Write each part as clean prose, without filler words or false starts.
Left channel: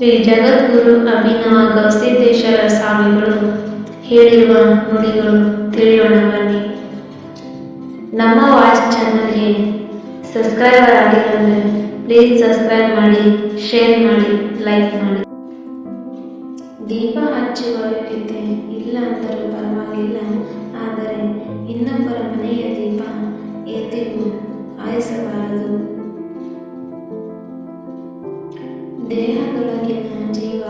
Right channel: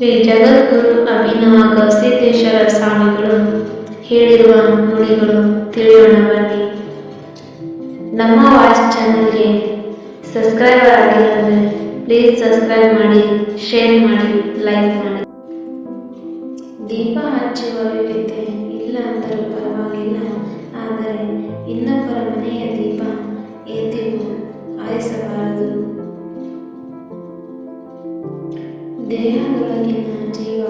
ಶ್ರೀ ಜಗದ್ಗುರು ಅಭಿನವ ಗವಿಸಿದ್ದೇಶ್ವರ ಸ್ವಾಮಿಗಳು ಹೇಳಿರುವ ನುಡಿಗಳು ತಿಳಿಯೋಣ ಬನ್ನಿ. ನಮ್ಮ ವಾಯ್ಸ್ ಚಾನಲ್ಗೆ ಸಬ್ಸ್ಕ್ರೈಬರ್ ಆಗಿಲ್ಲ ಅಂದರೆ ಪ್ಲೀಸ್ ಸಬ್ಸ್ಕ್ರೈಬ್ ಮಾಡಿ, ಶೇರ್ ಮಾಡಿ, ಲೈಕ್ ಮಾಡಿ. ದೀಪ ಹಚ್ಚುವ ಯೋಗ್ಯತೆ ಇಲ್ಲ ಅಂದರೂ ಪರವಾಗಿಲ್ಲ, ಆದರೆ ಇನ್ನೊಬ್ಬರ ಮನೆಯ ದೀಪ ಎಂದಿಗೂ ಆರಿಸಬಾರದು. ದೇಹದೊಳಗಿನ ಜೀವ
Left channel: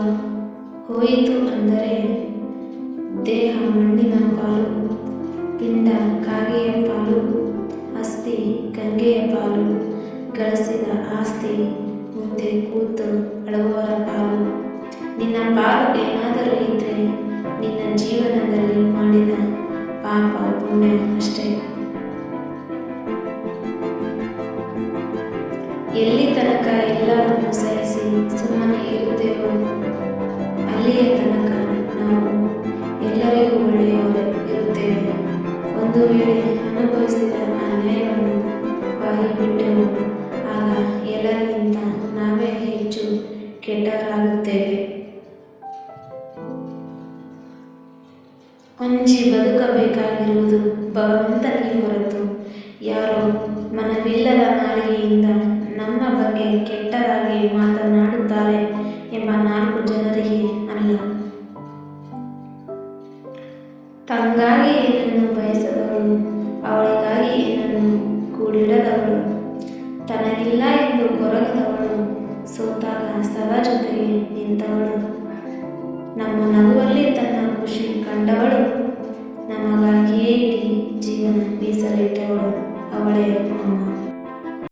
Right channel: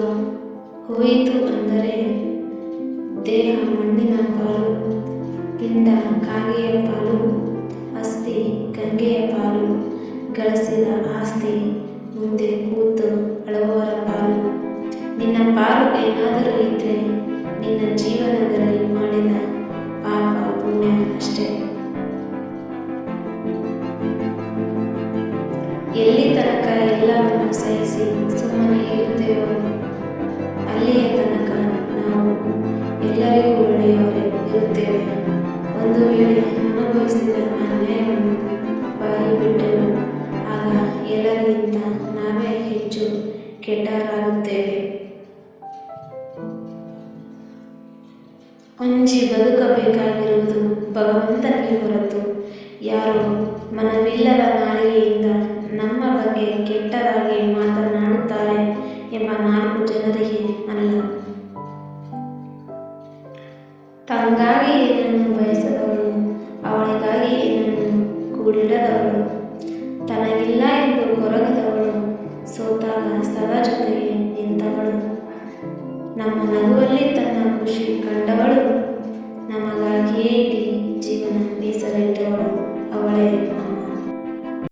ಹೋಯಿತು ಅಂದರೆ ದೇಹ ಮಣ್ಣಿನ ಪಾಲು, ಪಿಂಡ ಕಾಗೆಯ ಪಾಲು, ಅಸ್ಥಿ ಗಂಗೆಯ ಪಾಲು, ಗಳಿಸಿದ ಆಸ್ತಿ ಮುಂದೆ ಕೂತು ಅಳುವವರ ಪಾಲು. ನಿನ್ನ ಪಾಲು ಏನಾದರೂ ಇದ್ದರೆ ನಿನ್ನ ಜೀವನದಲ್ಲಿ ಮಾಡಿದ ಪಾಪ ಪುಣ್ಯ ಅಷ್ಟೇ. ಎಲ್ಲಿ ತನಕ ಎಲ್ಲವನ್ನು ಸಹಿಸಿ ಸುಮ್ಮನೆ ಇರುತ್ತೇವೋ ಅಲ್ಲಿಯ ತನಕ ನಾವು ಎಲ್ಲರಿಗೂ ಒಳ್ಳೆಯವರೇ ಇರುತ್ತೇವೆ. ಒಂದು ವೇಳೆ ಅನುಭವಿಸಿದ ಅನ್ಯಾಯವನ್ನು ಬಾಯಿ ಬಿಟ್ಟೆವು, ಆಗ ಎಲ್ಲರಿಗಿಂತ ನಾವೇ ಹೆಚ್ಚು ಕೆಟ್ಟವರಾಗುತ್ತೇವೆ. ಅಂಜಿ ಬದುಕಬೇಕಾಗಿರುವುದು ಭಗವಂತನಿಗೆ ಹೊರತು ಯಾರೋ ಮನವಿಲ್ಲದ ನಾಲಿಗೆಯಿಂದ ನಮ್ಮ ಬಗ್ಗೆ ಕೆಟ್ಟದಾಗಿ ಮಾತನಾಡುತ್ತಾರೆ ಎಂಬ 4 ಜನರಿಗೆ ಅಲ್ಲ. ತಂಗಾಗಿ ಏನನ್ನು ಬಯಸದವಳು, ಅವಳಿಗಾಗಿ ಏನನ್ನು ಕೂಡಿಡದವಳು, ತನಗಿಲ್ಲ ಎಂದು ಕೊರಗದವಳು, ಸೋತಾಗ ಸದಾ ಜೊತೆಗೆ ನಿಂತವಳು, ನಮ್ಮ ನಗುವಲ್ಲಿ ತನ್ನ ಖುಷಿ ಕಂಡವಳು, ನಮಗಾಗಿಯೇ ಇಡೀ ಜೀವನ ಮೀಸಲಿಟ್ಟವಳು, ಅವಳೇ ಅಮ್ಮ.